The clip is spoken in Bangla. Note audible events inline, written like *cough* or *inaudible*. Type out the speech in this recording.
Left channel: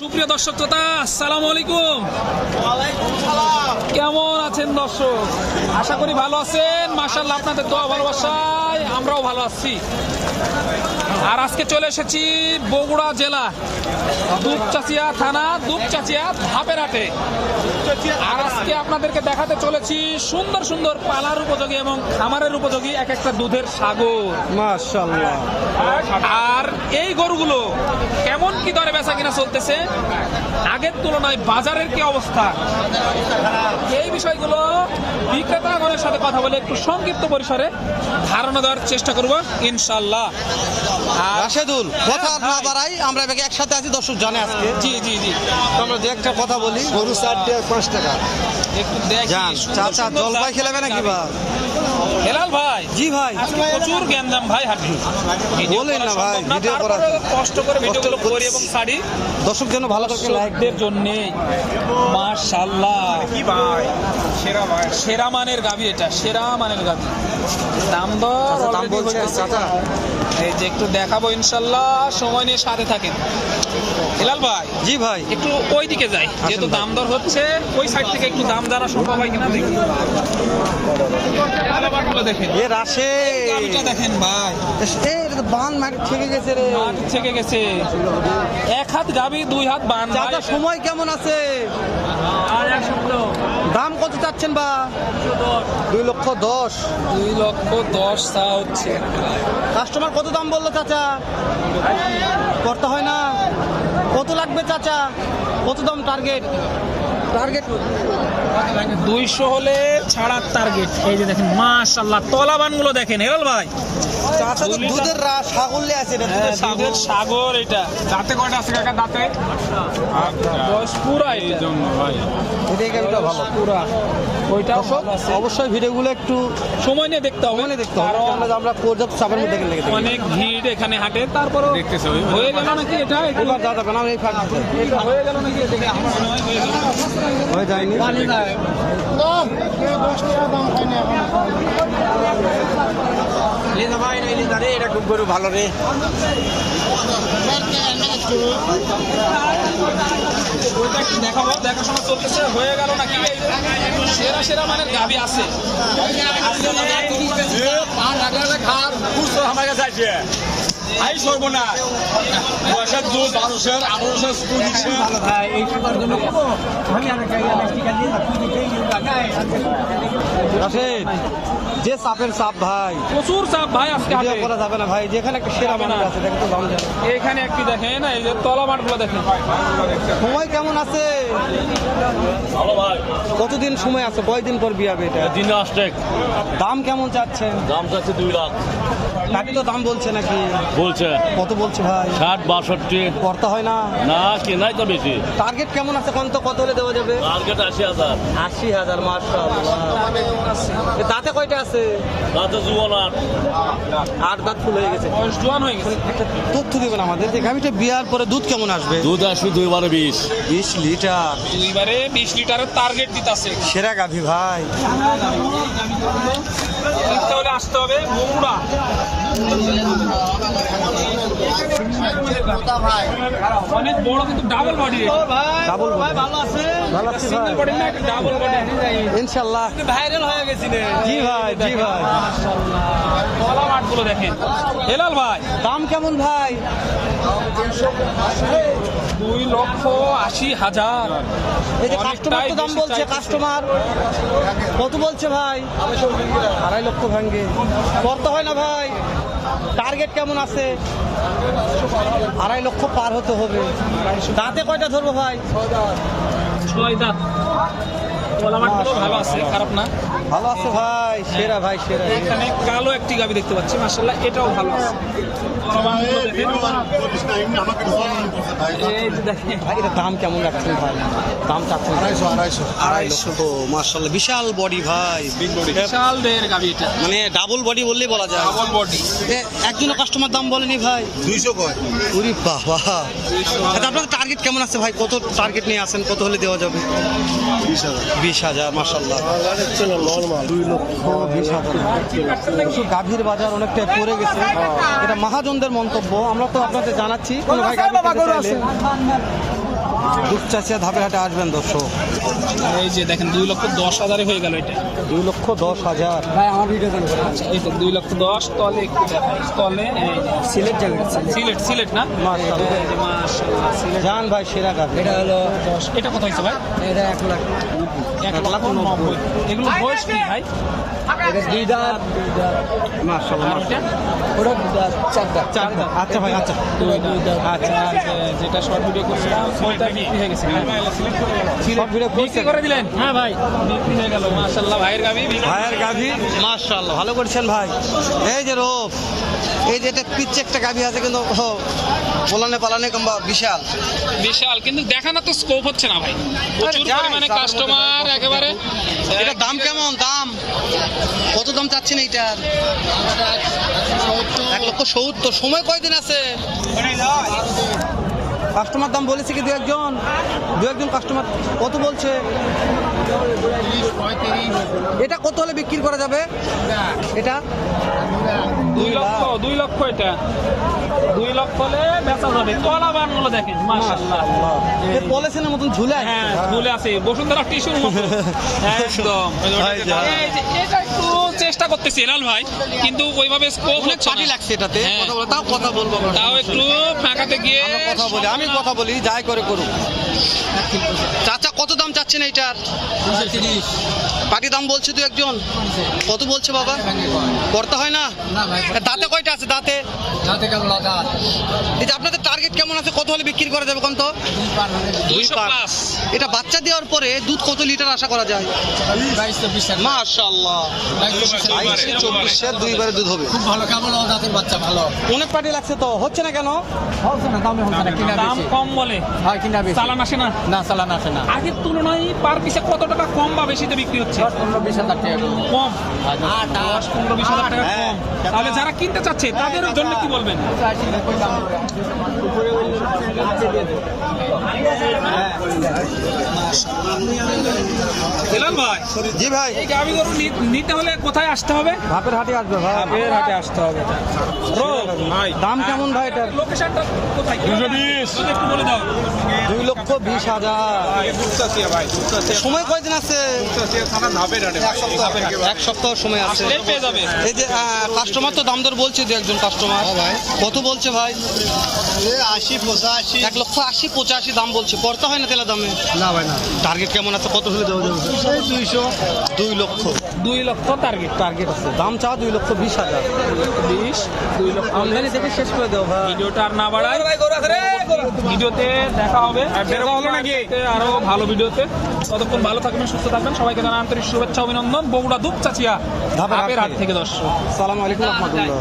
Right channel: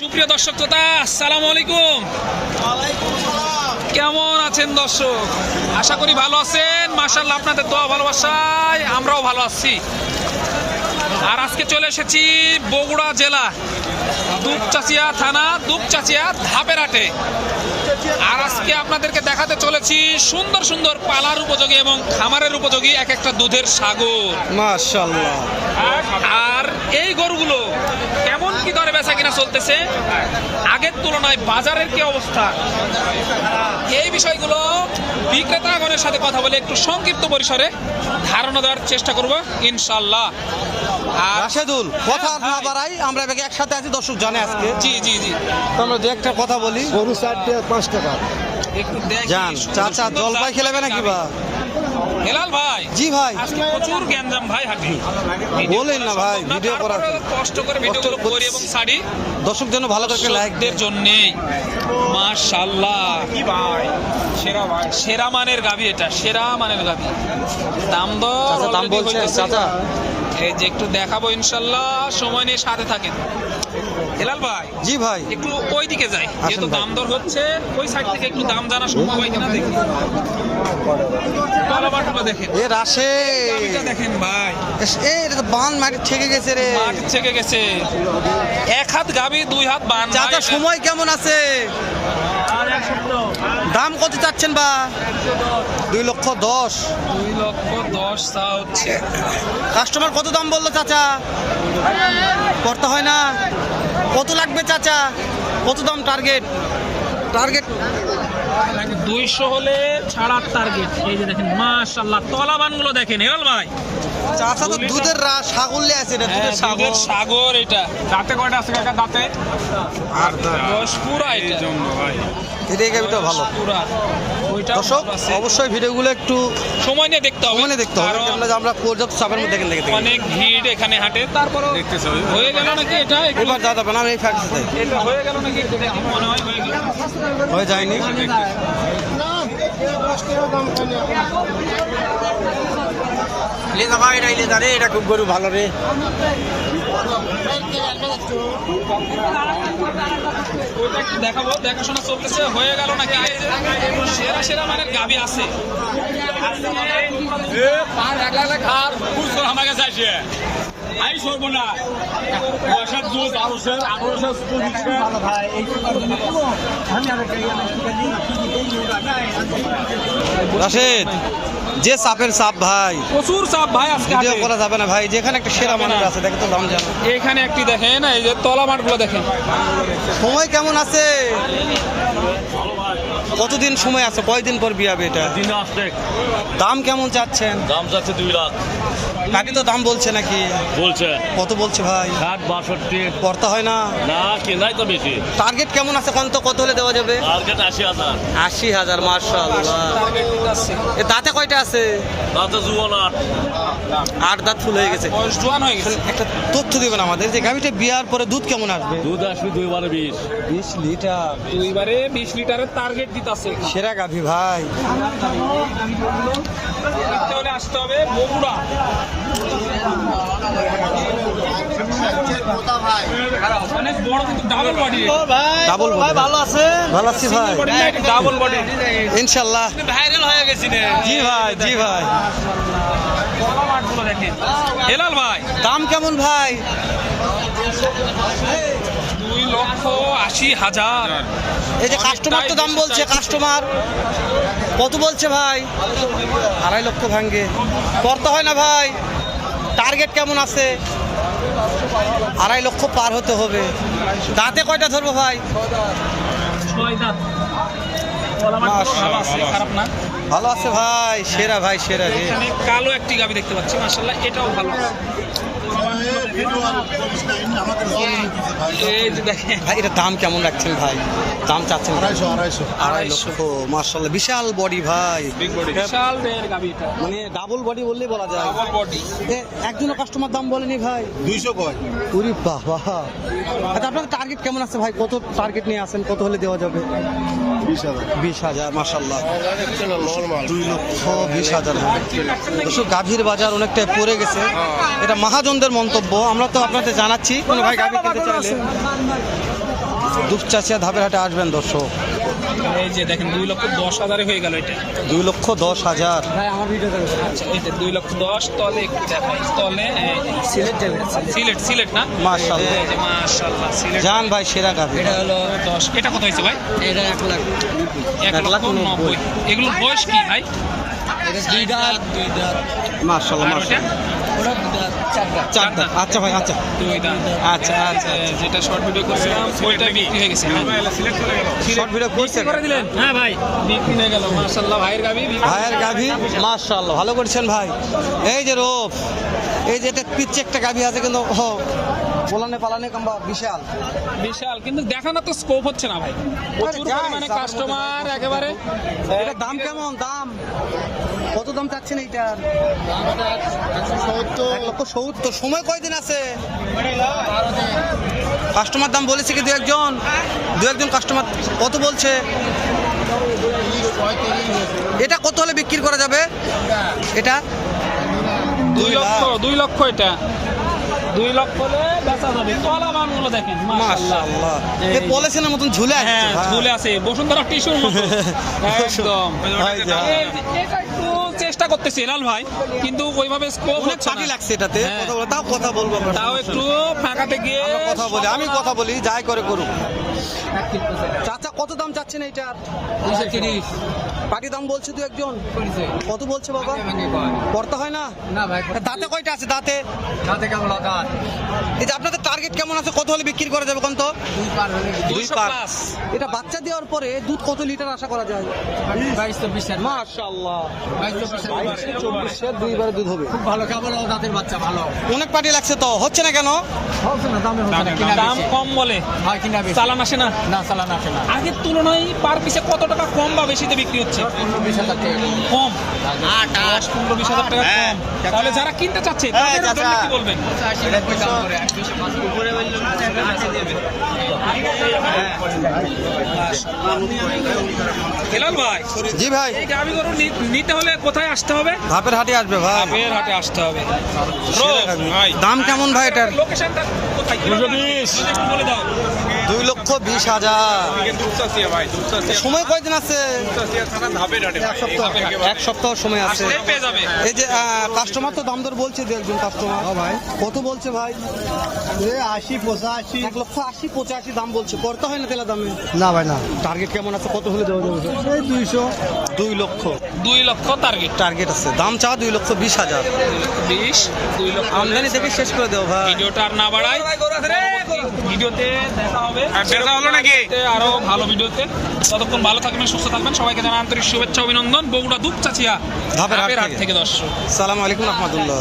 সুপ্রিয় দর্শক শ্রোতা আসসালামু আলাইকুম। কেমন আছেন দর্শক? আশা করি ভালো আছেন। মাশাল্লাহ আপনাদের দোয়া ভালোবাসায় আমরাও ভালো আছি। আর আজকে চলে এসেছি বগুড়া জেলা দুপচাচিয়া থানা দুপচাচিয়া ধাপের হাটে আর আজকে আপনাদেরকে দেখাতে চলেছি সুন্দর সুন্দর পালার উপযোগী এবং খামারের উপযোগী এক একটা দুধের সাগর। মাশাল্লাহ আর এই গরুগুলো কি কিনা চলতেছে। আগের তুলনায় বাজারের কি অবস্থা? এই বিষয়গুলো বিক্রেতাগণের সাথে কথা বলে একটু সংক্ষিপ্ত পরিসরে ধারণা দেওয়ার চেষ্টা করব ইনশাল্লাহ। আর রাশেদুল কথা আর না বাড়াই আমরা এবারে একসাথে আছি দর্শক জানে আজকে। জি জি জি। তো আমরা দু একটা কথা বলি। গরু দশ টাকা। একটু দেখি জান সুন্দর চাচা জলপাই খেলাবে নাকি বা? হেলাল ভাই জি ভাই। আজকে প্রচুর গ্যাঞ্জাম ভাই হাঁটি। বলেন না ভাই, ভিডিও করা কষ্ট করে ভিডিও করি এবং ছাড়ি দর্শক যেন ভালো করে লাইক দর্শকদের জন্য মাশাল্লাহ সেরা সেরা মানের গাবি এটা সেরা মানের গাবি দাম দর দাম বলছেন চাচা। এই যে একটু দেখাবো ইনশাল্লাহ সময় নিয়ে সাথে থাকেন। হেলাল ভাই জি ভাই। একটু ওই দিকে যাই যেহেতু। দাম দর হচ্ছে ওই সাইড থেকে একটু দাম জানা সম্ভব হয় কিনা দেখি। এ রাশে। দেখেন ভাই। এ এটা তো বান মাটি ঠেকে গেছে রে। মাঠ থেকে গেছে। এক হাত গাবি দুই হাত বান চাচা সময় কেমন আছে? দাম কত চাচ্ছেন বা? দুই লক্ষ দশ। দুই লক্ষ দশ চা হচ্ছে। কাস্টমার কত দাম বলল চাচা? করতে হয় না? কত লাগবে চাচা? কত দাম টার্গেট টার্গেট দুইশো হলে ছাড়ার টার্গেট এই যে দেখেন মাশাল্লাহ তলাবানগুলো দেখেন হেরাল ভাই। চাচা তো দুধের রা সাগরলে আছে এটা দুধের সাগর। সাগর এটা। দাঁতে কয়টা আছে কাকা দাঁতে? আর দশ পুরো এটা। জন্য গাবিটা ভালো। বয়স পুরা। ওইটা দর্শক অবশ্যই ভিডিওগুলো একটু সময় নিয়ে দেখতে হবে। মনে দেখতে হবে কারণ আমরা পর্যাপ্ত চাপের মধ্যে দেখেন দেখে অনেক ভিড় এখানে হাটে তারপর হয়ে গেল নাকি এটা? এবার যা যাবে না এই ফ্যাক্ট এটা হয়ে গেল নাকি এটা মনে হয় হয়ে গেল। হয়ে যায়নি। খুব গরু ভালো রে। দেখাবো, দেখাশোনা চলতেছে, হয়ে গেল নাকি? এই যে সেরা সেরা মানের গাবি আছে। আই সর্বনা পয়সার দুধ বারোশো আঠারোশো পঁচিশশো রাশেদ। যে সাপের সাপ ভাই। প্রচুর সাপ ভাই আজকে ভিডিও করা যাবে না ভাই যেখানে একটা সেরা মানুষ আছে দেখে তো দাম জানো। এখানে একটি দেখেন এই যে তলা মাঠগুলো দেখেন। সময় কেমন আছে? কতদিন সময় আছে? কয়দিন পর বিয়াবে এটা? দিন আসছে। দাম কেমন চাচ্ছেন? দাম চাচ্ছে দুই লাখ। কাকি তো দাম বলছে নাকি? বলছে। কত বলছে ভাই? ষাট বাষট্টি। করতে হয় না? না কেনাই তো বেশি। টার্গেট কেমন আছে? কত কত হলে দেওয়া যাবে? টার্গেট আশি হাজার। আশি হাজার মার্শাল্লাহ দাঁতে কয়টা আছে? তাতে জুয়ান আট। আট দাঁত ফুল হয়ে গেছে। হয়ে একটা তথ্য দিবেন আমাদের যে গাভিটা বিয়ার পরে দুধ কেমন আসবে? দুধ আসবে দুই বারে বিশ। বিশ লিটার। দুইবারে বিশ লিটারের টার্গেট দিতেছে। সেরা গাভি ভাই। আসতে হবে বগুড়া। অনেক বড় কিন্তু ডাবল বডি ডাবল বডি ভালো আছে? ভালো আছি ভাই। ডাবল বডি ইনশাল্লাহ। ভাইরাল হয়ে গেছে রে। জি ভাই জি ভাই। দেখেন হেলাল ভাই। দাম কেমন ভাই? লক্ষ আশি হাজার। এই যে কাস্টমার তো দাম বলছে কাস্টমার কত বলছে ভাই? আড়াই লক্ষ ভাঙ্গে। করতে হয় না ভাই। টার্গেট কেমন আছে? আড়াই লক্ষ পার হতে হবে। দাঁতে কয়টা ধরবো ভাই? ভালো আছে খারাপ না? ভালো আছে ভাই সেরা ভাই সেরা কালো একটি গাবি দেখতে পাচ্ছি মাশাল্লাহ এটাও ভালো আছে। এটা দাম কেমন রাখছেন ভাই? দাম চাচ্ছেন আড়াইশো আড়াইশো। আড়াই লক্ষ মার্শাল্লাহ বিশাল বডি ভাই। বিশাল দেহের গাবি এটা। মানে ডাবল বডি বললেই বলা যায়। ডাবল বডি এ, কাস্টমার দাম বলেনি ভাই। দুইশো কয়? উরি বাবা। আচ্ছা আপনার টার্গেট কেমন আছে ভাই? কত টার্গেট নিয়ে আসেন? কত হলে দেওয়া যাবে? বিশ হাজার। মার্শাল্লাহ দুই লক্ষ বিশ হাজার। গাভীর বাজার অনেকটা পড়ে গেছে। এটা মহাজনদের মন্তব্য। আমরা তো আপনাদের জানাচ্ছি। কোনো ভাই গাভী কিনতে চাইলে। দুপচাচিয়া ধাপের হাটে আসবেন দর্শক। এই যে দেখেন দুই লক্ষ দশ হাজারে হয়ে গেল এটা। দুই লক্ষ দশ হাজার। আচ্ছা এই যে দুই লক্ষ দশ তলে একটু তলে সিলেট সিলেট সিলেট না? মাশাআল্লাহ। এই সিলেট। জান ভাই সেরা গাভি হলো দশ। এটা কত হয়েছে ভাই? এটা এক লাখ। এক লাখ নব্বই। নব্বই। এগুলোর বয়স কি ভাই? চার দাঁত। আচ্ছা ভাই আচ্ছা। দুই দাঁত আচ্ছা, আচ্ছা। যেটা শর্ট ভিডিও করছিলাম ওইটা বিক্রি হয়ে গেছে শর্ট ভিডিও করছে করে দিলেন। হ্যাঁ ভাই। বিক্রি হয়ে গেল মাশাআল্লাহ। ভাইয়ের গাবি ভাইয়ের ভালো করছেন ভাই। এই যে রোপ এই যে এটা পিচ্ছে একটা গাভি আছে কিন্তু ও, পোলানে পালানে কিংবা বিশাল। বিশাল কিন্তু দেখানো তো স্কোপ হচ্ছে না ভাই। প্রচুর যাই, পরিমাণে কাস্টমার একেবারে এটা দাম কেমন? দাম? কত দাম চাচ্ছেন এইটার? এক লক্ষ সত্তর। সময় কয়দিন আছে? কাস্টমার দাম বলেছে কি দু একজন? দু একজন কাস্টমার কত বলছে? এটা কত হলে বিক্রি করা যাবে? এটা? দুই লাখ দুই লক্ষ এটা। দুই লক্ষ হলে বেচা যাবে কলা বানগুলো দেখেন মাশাআল্লাহ। মাশাআল্লাহ। এ পলিসিনের মতন ঝুলে আছে। হ্যাঁ ঝুলে আছে। বসুন্ধরা টিস্যু *laughs* একদম। এই যে এটা একটু চেষ্টা করতেছি লাল ভাই কিন্তু ওইভাবে স্কোপ অনেক পার্টি লাগছে এটাতে হ্যাঁ। কথা বলে তাও কথা বলব আমরা তাও একটু ফাঁকাতে গিয়ে আমরা কথা বলি আমি কথা বলি যাই করে করুক। চাচা কত দাম চাচ্ছেন এইটার? পাটি দাম বলছে তুই একজন। কত বলছে বাবা? করতে হয় না? দাঁতে কয়টা আছে দাঁতে? এই যে আপনাদের টার্গেট কেমন আছে? কত হলে বিক্রি করা যাবে কোন তো? দুই পাঁচ। এটা বাচ্চা দেওয়ার পরে দুধ কত লিটার আশা করা যায়? মাশাআল্লাহ। বাইশে চব্বিশে দুইবারে দুধ হবে। ভালো কেমন জাতের বাচ্চা ভালো। অনেক পাটি লাগছে তো হচ্ছে না কেন? হচ্ছে না দামে হচ্ছে না কিনা দাম কম বলে। হয় কিনা বেশি। চালান আসে না। না চালান আসে না। আগের তুলনায় পার পিছে কত টাকা কম বা বেশিতে বিক্রি হচ্ছে? পনেরো বিশ হাজার টাকা। কম। দশ পনেরো বিশ হাজার টাকা হ্যাঁ। কম। তাহলে যারা কিনতে চাচ্ছে তাদের জন্য কি বলবেন? দাম করে দুশো পাঁচ হেলাল ভাই জি ভাই। এই গাভি গরু নিতে হলে কোথায় আসতে হবে? ধাপের হাটে আসবে ভাই। বের হাটে আসতে হবে। দাম কেমন ভাই এটার? লোকেশনটা কোথায়? দুশো বিশ। বলে দাও। দুই লক্ষ বিশ হাজার। সময় কয়দিন আছে? এক সপ্তাহ সময় আছে। এই যে কাস্টমার তো দাম দর বলছে দু একজন কাস্টমার কত বলছে ভাই? আশি পঁচাশি। এক লক্ষ আশি পঁচাশি দাম বলছে। করতে হয় না তেলা দামে? না ভাই না। টার্গেট কেমন আছে? কত হলে দেওয়া যাবে? সেই দুইশো। দুই লক্ষ। দুই লক্ষ টার্গেট টার্গেট আছে। দাম চা দুই লক্ষ বিশ হাজার। বিশ দুই লক্ষ আমদানি থেকে শেষ করে দেও ভাই। ভিডিওটা আর না বাড়াই। ভিডিওতে দেখা হবে। দেখা হলো নাকি? আরও ভালো ভিডিওতে। ততক্ষণ ভালো থাকবেন সুস্থ থাকবেন। সবাইকে জানা আন্তরিক শুভেচ্ছা অভিনন্দন। বগুড়া দুপ চাচিয়া ধাপের হাট থেকে। থেকে দর্শক। সালাম আলাইকুম রহমতুল্লাহ।